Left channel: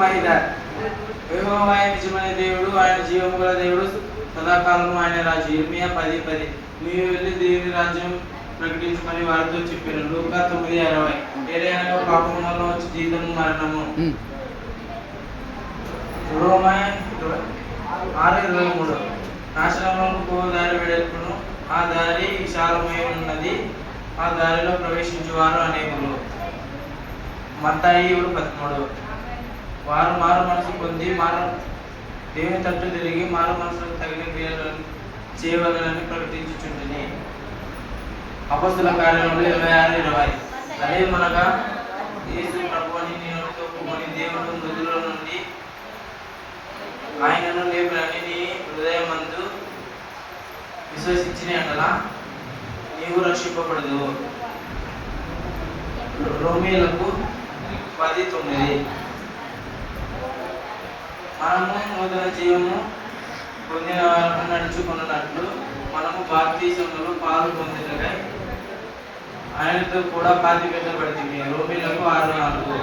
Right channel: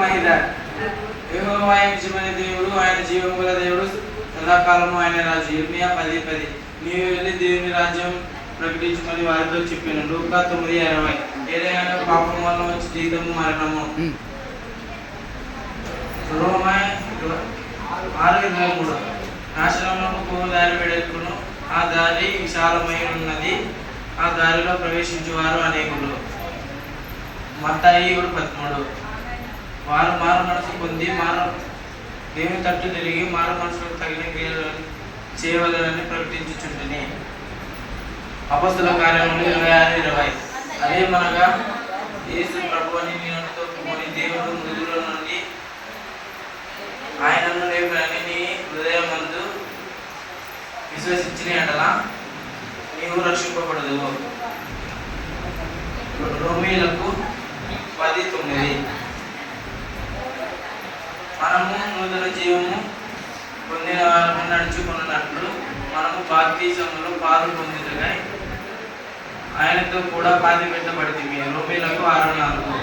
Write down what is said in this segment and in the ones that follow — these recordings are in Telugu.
మహిళ యెహోవా నిజమైన దేవుడు, ఆయన జీవము గల దేవుడు, సదాకాలము ఆయన రాజు. ఇర్మియా 10:10. నీవు వెళ్ళి దేవుని రాజ్యం ప్రకటించమని వారితో చెప్పాను. లూకా 9:60. ఏదైనా పాపం వల్ల వచ్చి జీతము మరణము. రోమా 6:23. నాశనములకు పోవు దారి వెడల్పును, ఆ దారి విశాలమై ఉన్నది, ఆ దారిలో ప్రవేశించువారు అనేకులు. మత్తాయి 13. వారు మారు మనసు పొంది దేవుని తట్టు తిరిగి మారు మనసుకు తగిన క్రియలను చేయవలెనని ప్రకటించుచుంటిని. అపొస్తలుల కార్యములు 26:20. అదే మనగా యేసు ప్రభువుని నోటితో ఒప్పుకొని దేవుడు మృతుల నుండి ఆయనను లేపునని నీ హృదయమందు విశ్వసించిన ఎడల నీవు రక్షింపబడదు. రోమీయులకు 10:9. మనము నూతన జీవము పొందిన వారము నడుచుకున్నట్లు మనము బాప్తిసములో పాలు పొందుటకై ఆయనతో కూడా పాతి పెట్టబడింది. రోమీయులకు 6:4.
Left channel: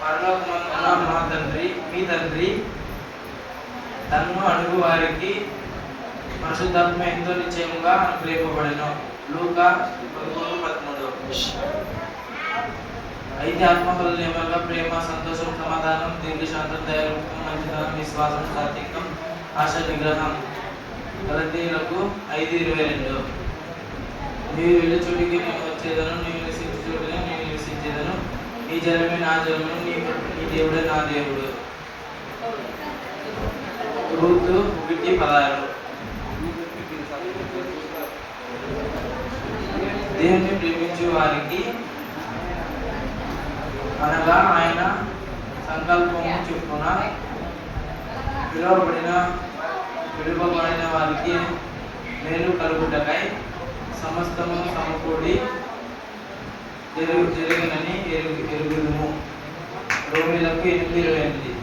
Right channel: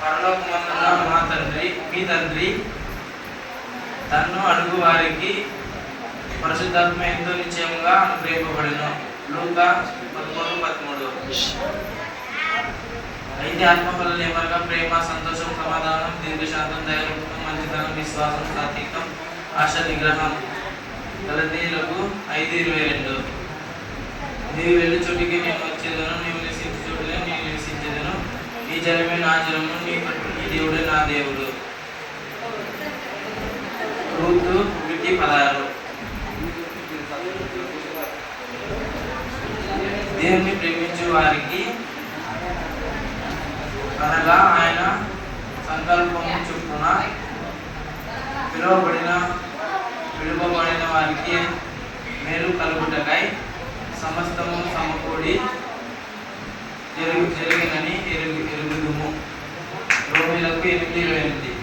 పరలోకమందున్న మా తండ్రి, మీ తండ్రి తన్ను అడుగు వారికి పరిశుద్ధాత్మ ఎంతో నిశ్చయముగా అనుగ్రహింపబడెను. లూకా 13:13. అయితే ఆత్మఫలాలు ఏమనగా ప్రేమ, సంతోషం, సమాధానం, దీర్ఘశాంతం, దయాళుత్వం, మంచితనం, విశ్వాసం, సాత్వికం, ఆశ నిగ్రహం. గలతీయులకు 5:22. నీవు వెళ్ళి చోటికి నేను వచ్చేదను, నీవు నివసించే చోటునే నేను నివసించేదను, నీ జనమే నా జనము, నీ దేవుడే నా దేవుడు. రూతు 1:16. దేవుని ప్రేమించే వారికి అనగా ఆయన సంకల్పము చొప్పున పిలువబడిన వారికి మేలు కలుగుటకై సమస్తము సమకూడి జరిగినని ఎరుగుదుము. రోమీయులకు 8:28.